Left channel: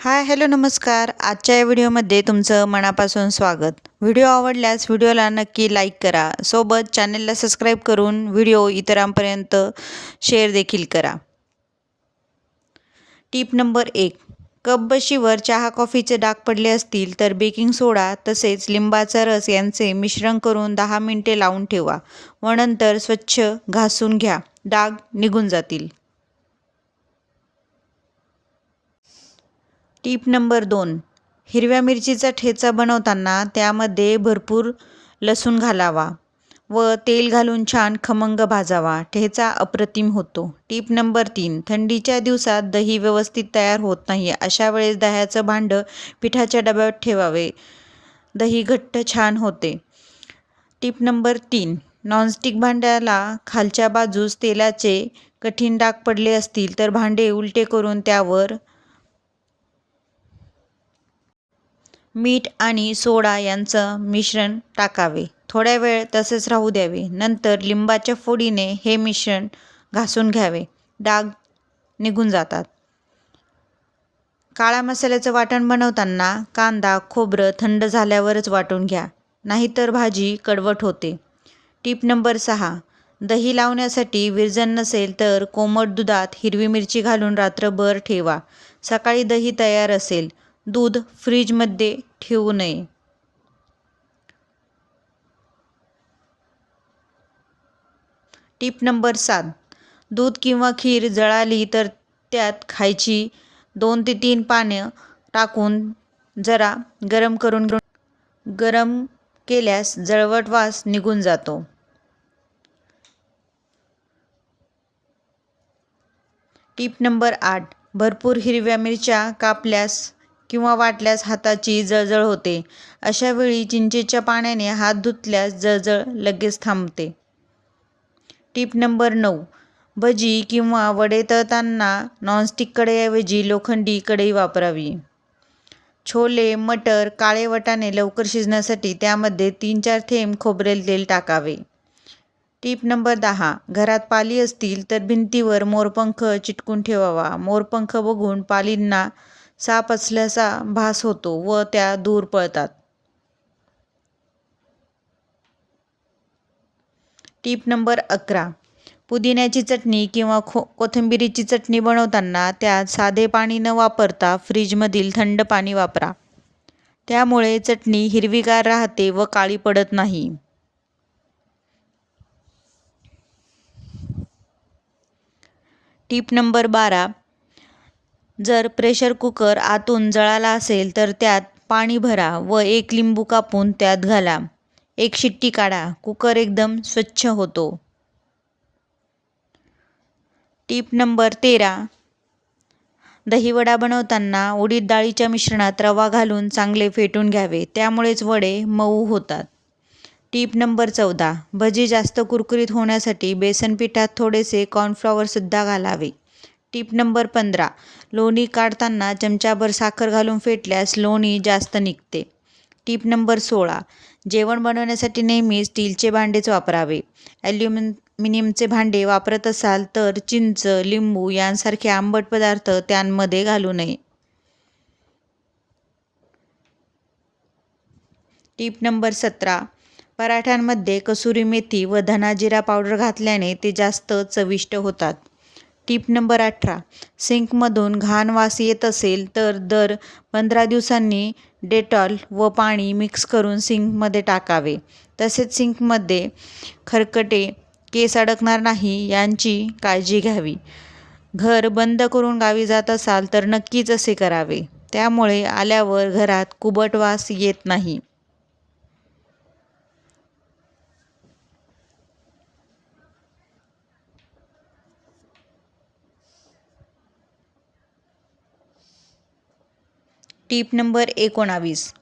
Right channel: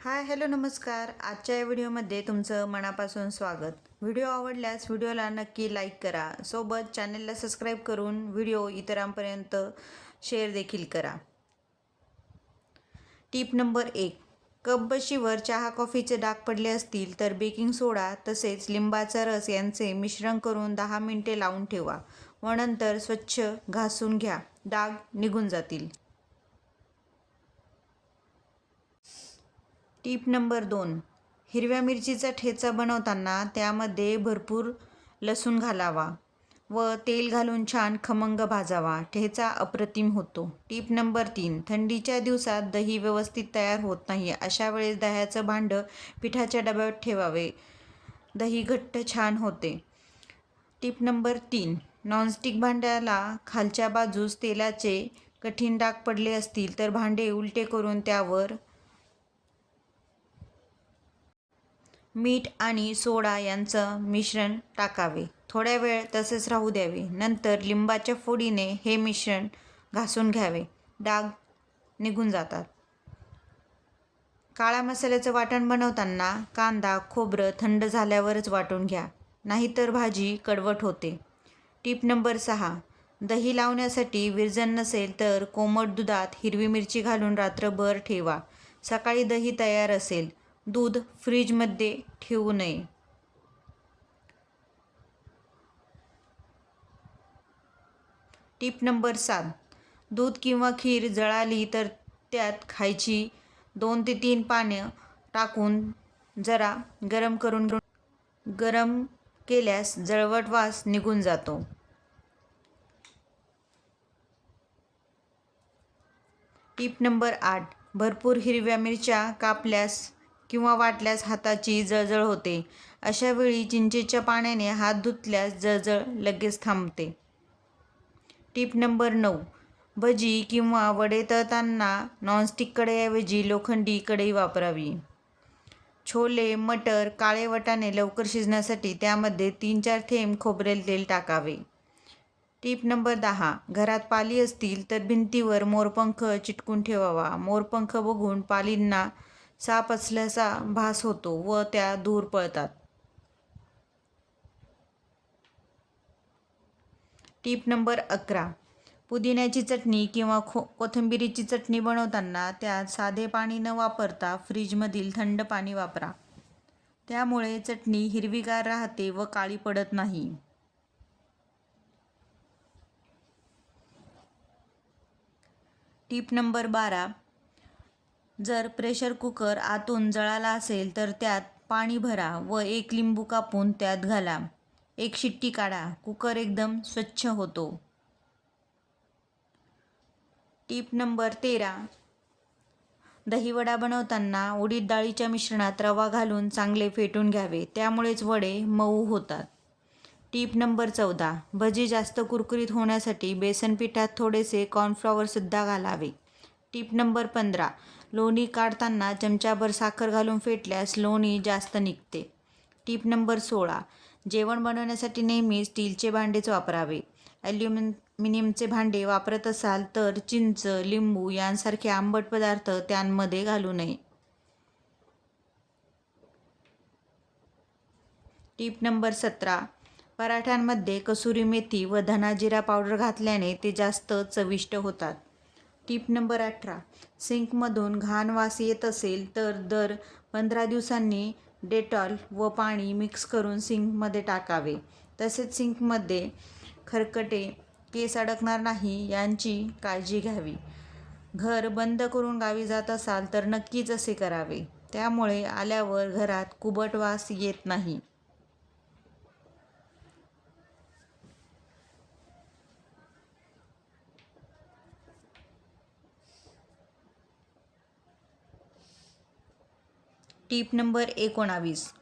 Hi hello नमस्कार. आजच्या या व्हिडिओमध्ये तुमचं मनापासून स्वागत. व्हिडिओ आवडल्यास व्हिडिओला नक्की लाईक करा. सोबत चॅनलला सबस्क्राईब करून व्हिडिओ इतरांपर्यंत शेअर देखील करा. टीप नंबर एक. कप बशीवर चहा कॉफीचे डाग पडले असतील तर बेकिंग सोडा तसेच लिंबाचा रस यांचे मिश्रण करून दहा मिनटे लावून ठेवा व नंतर स्वच्छ घासून घ्या. डाग निघून जातील. टीप नंबर दोन. हिरव्या मिरचीचा ठेचा बनवताना त्यामध्ये भरपूर लसूण घालावा व तेल घालून छान खमंग भाजावा. ठेचा अप्रतिम होतो. टीप नंबर तीन. थंडीच्या दिवसात दही व्यवस्थित तयार होत नाही. अशा वेळेस दह्याचं भांडं पिठाच्या डब्यात ठेवावे. दही घट्ट छान होते. टीप नंबर तीन. नॉनस्टिक भांड्याला खालच्या बाजूस तेलाचे कठीण डाग पडले असतील तर भांडे उलटे करून त्यावर मीठ आणि सोडा यांचं मिश्रण टाकावे. थोड्या वेळ तसेच राहू द्यावे. नंतर लिंबाच्या फोडीने हे मिश्रण घासून घ्यावे. डाग निघून जातात. काळ्या मसाल्याचं वाटण बनवताना कांदा खोबरं थंड झाल्यावरच वाटून घ्या. नाहीतर भाजी कडवट होते. टीप नंबर सहा. दही लावण्यासाठी विरजन नसेल तर कोमट दुधात हिरवी मिरची घालून रात्रभर ठेवा. सकाळी दही तयार असेल दूध फ्रीजमध्ये ठेवू नये. टीप नंबर सात. दूध किंवा खीर जळाली तर त्यात खायची दोन ते तीन पानं टाकून जरा गरम करून गरम केल्यास जळवट वास निघून जातो. टीप नंबर आठ. भरपूर हिरव्या मिरच्या कापल्यास किंवा वाटल्यास हाताची जळजळ होते. अशा वेळी चिंचेच्या पाण्याने हात धुतल्यास जळजळ लगेच थांबते. टीप नंबर नऊ. भजी किंवा वडे तळताना नॉनस्टिक कढईऐवजी लोखंडी कढई वापरावी. छोले मटर काळे वटाणे लवकर शिजण्यासाठी त्यामध्ये तीन चार थेंब खोबरेल तेल टाकावे. टीप नंबर दहा. घरात पाली असतील तर भिंतीवर मोरपंख चिटकून ठेवावा. मोरपंख बघून पालींना साप असल्याचा भास होतो व त्या दूर पळतात. टीप नंबर अकरा. पुदिन्याची चटणी किंवा खो कोथिंबिरीची चटणी बनवताना त्यात साधे पाणी न वापरता फ्रीजमधील थंड पाणी वापरा. त्यामुळे चटणी हिरवीगार राहते व काळी पडत नाही. टीप नंबर बारा. जर प्रेशर कुकर आतून जळाला असेल तर त्यात पाणी भरा व एक लिंबू कापून त्यात घाला. एक शिट्टी काढा. कुकर एकदम स्वच्छ होतो. टीप नंबर तेरा. दहीवडा बनवताना उडीद डाळीच्या मिश्रणात रवा घालून चांगले फेटून घ्यावे. त्यामुळेच वडे मऊ होतात. टीप नंबर चौदा. भजी जास्त कुरकुरीत होण्यासाठी बेसन पिठात थोडेसे कॉर्नफ्लॉवरसुद्धा घालावे. टीप नंबर पंधरा. लोणी काढताना चमचाभर साखर घालून फेटल्यास लोणी जास्त निघते. टीप नंबर सोळा. जेवण बनवण्यासाठी नेहमी स्टीलचे भांडेच वापरावे. ॲल्युमिनियमचे भांडे वापरत असाल तर चिंच लिंबू यांसारखे आंबट पदार्थ त्यांमध्ये घालू नये. टीप नंबर सतरा. पराठ्यांमध्ये कसुरी मेथी व धनाजिरा पावडर घातल्याने ते जास्त चविष्ट होतात. टीप नंबर अठरा. सिंकमधून घाण वास येत असेल तर दर पंधरा दिवसांनी डेटॉल व पाणी मिक्स करून सिंकमध्ये टाकावे. तसेच सिंकमध्ये खरकटे केस अडकणार नाही यांची काळजी घ्यावी. घर बंद करून गावी जात असाल तर नक्कीच असे करावे. त्यामुळे आल्यावर घरात कुबट वास येत नाही. टीप नंबर एकोणावीस.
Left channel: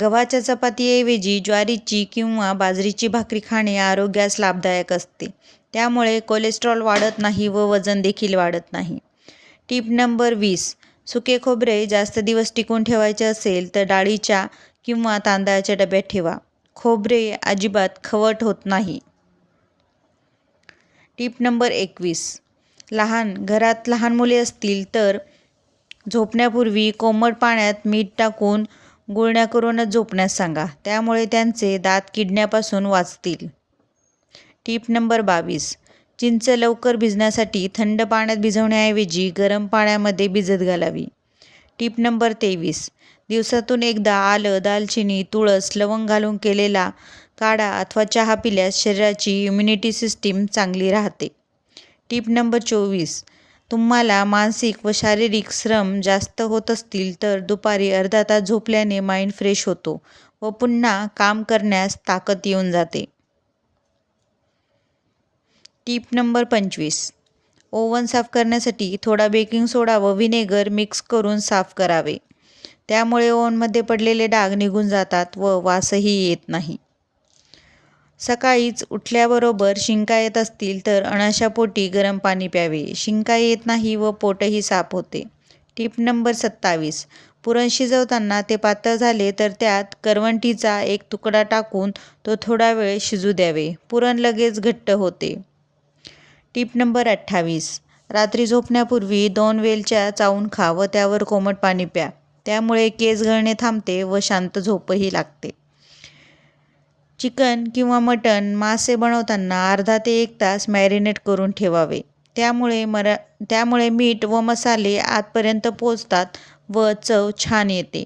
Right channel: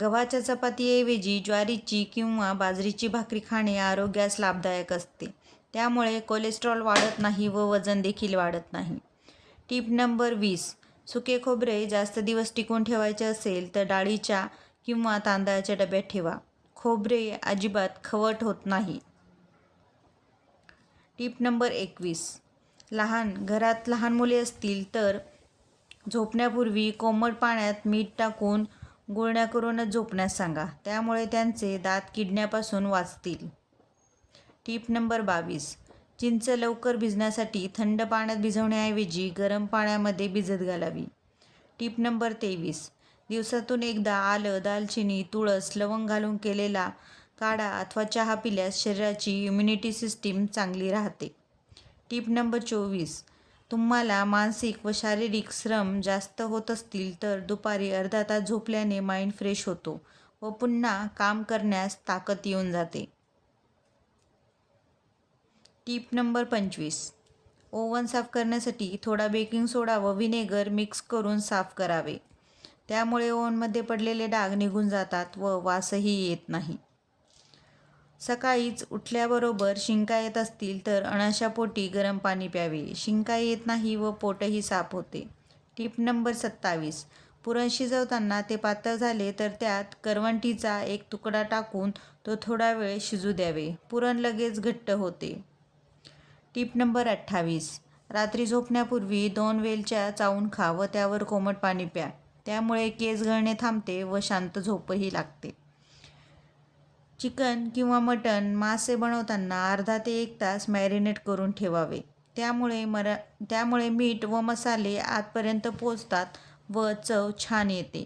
गव्हाच्या चपातीऐवजी ज्वारीची किंवा बाजरीची भाकरी खाणे आरोग्यास लाभदायक असते. त्यामुळे कोलेस्ट्रॉल वाढत नाही व वजन देखील वाढत नाही. टीप नंबर वीस. सुके खोबरे जास्त दिवस टिकून ठेवायचे असेल तर डाळीच्या किंवा तांदळाच्या डब्यात ठेवा. खोबरे अजिबात खवट होत नाही. टीप नंबर एकवीस. लहान घरात लहान मुले असतील तर झोपण्यापूर्वी कोमट पाण्यात मीठ टाकून गुळण्या करूनच झोपण्यास सांगा. त्यामुळे त्यांचे दात किडण्यापासून वाचतील. टीप नंबर बावीस. चिंच लवकर भिजण्यासाठी थंड पाण्यात भिजवण्याऐवजी गरम पाण्यामध्ये भिजत घालावी. टीप नंबर तेवीस. दिवसातून एकदा आलं दालचिनी तुळस लवंग घालून केलेला काढा अथवा चहा पिल्यास शरीराची इम्युनिटी सिस्टीम चांगली राहते. टीप नंबर चोवीस. तुम्हाला मानसिक व शारीरिक श्रम जास्त होत असतील तर दुपारी अर्धा तास झोपल्याने माइंड फ्रेश होतो व पुन्हा काम करण्यास ताकद येऊन जाते. टीप नंबर पंचवीस. ओव्हन साफ करण्यासाठी थोडा बेकिंग सोडा व व्हिनेगर मिक्स करून साफ करावे. त्यामुळे ओव्हनमध्ये पडलेले डाग निघून जातात व वासही येत नाही. सकाळीच उठल्याबरोबर शिंका येत असतील तर अनाशा पोटी गरम पाणी प्यावे. शिंका येत नाही व पोटही साफ होते. टीप नंबर सत्तावीस. पुरण शिजवताना ते पातळ झाले तर त्यात करवंटीचा एक तुकडा टाकून तो थोडा वेळ शिजू द्यावे. पुरण लगेच घट्ट होते. टीप नंबर अठ्ठावीस. रात्री झोपण्यापूर्वी दोन वेलच्या चावून खा व त्यावर कोमट पाणी प्या. त्यामुळे केस गळणे थांबते व शांत झोपही लागते. चिकन किंवा मटण मासे बनवताना अर्धा ते एक तास मॅरिनेट करून ठेवावे. त्यामुळे मरा त्यामुळे मीठ व मसाले आतपर्यंत पोचतात व चव छान येते.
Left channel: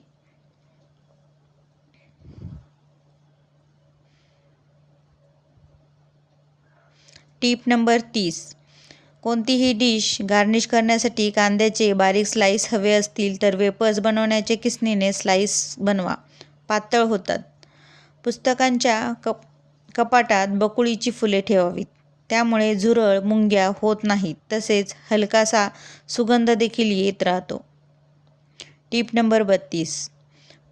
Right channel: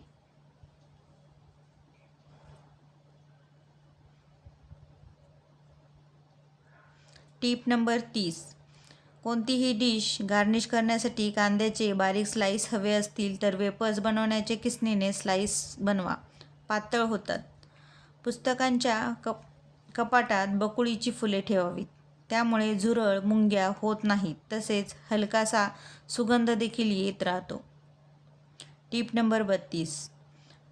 टीप नंबर तीस. कोणतीही डिश गार्निश करण्यासाठी कांद्याचे बारीक स्लाईस हवे असतील तर वेपर्स बनवण्याचे किसनीने स्लाईस बनवा. पातळ होतात. पुस्तकांच्या कप कपाटात बकुळीची फुले ठेवावीत. त्यामुळे झुरळ मुंग्या होत नाहीत तसेच हलकासा सुगंध देखील येत राहतो. टीप नंबर बत्तीस.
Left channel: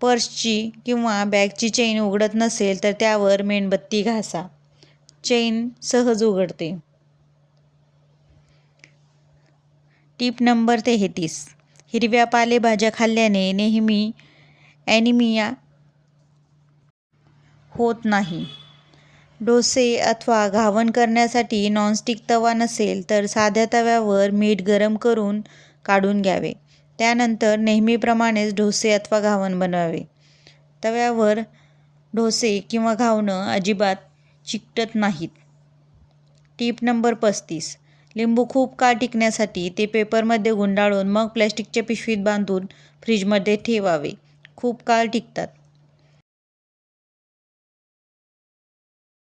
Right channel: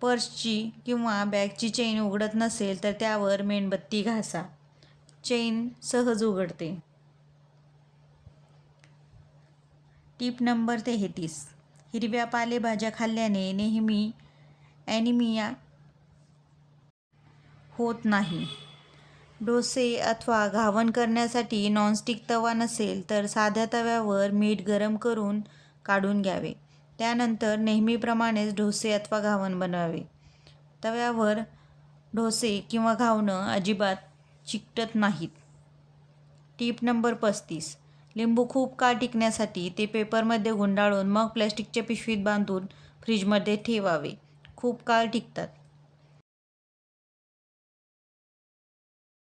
पर्सची किंवा बॅगची चेन उघडत नसेल तर त्यावर मेणबत्ती घासा. चेन सहज उघडते. टीप नंबर तेहतीस. हिरव्या पालेभाज्या खाल्ल्याने नेहमी ॲनिमिया होत नाही. डोसे अथवा घावण करण्यासाठी नॉनस्टिक तवा नसेल तर साध्या तव्यावर मीठ गरम करून काढून घ्यावे. त्यानंतर नेहमीप्रमाणेच डोसे अथवा घावण बनवावे. तव्यावर डोसे किंवा घावणं अजिबात चिकटत नाहीत. टीप नंबर पस्तीस. लिंबू खूप काळ टिकण्यासाठी ते पेपरमध्ये गुंडाळून मग प्लॅस्टिकच्या पिशवीत बांधून फ्रीजमध्ये ठेवावे. खूप काळ टिकतात.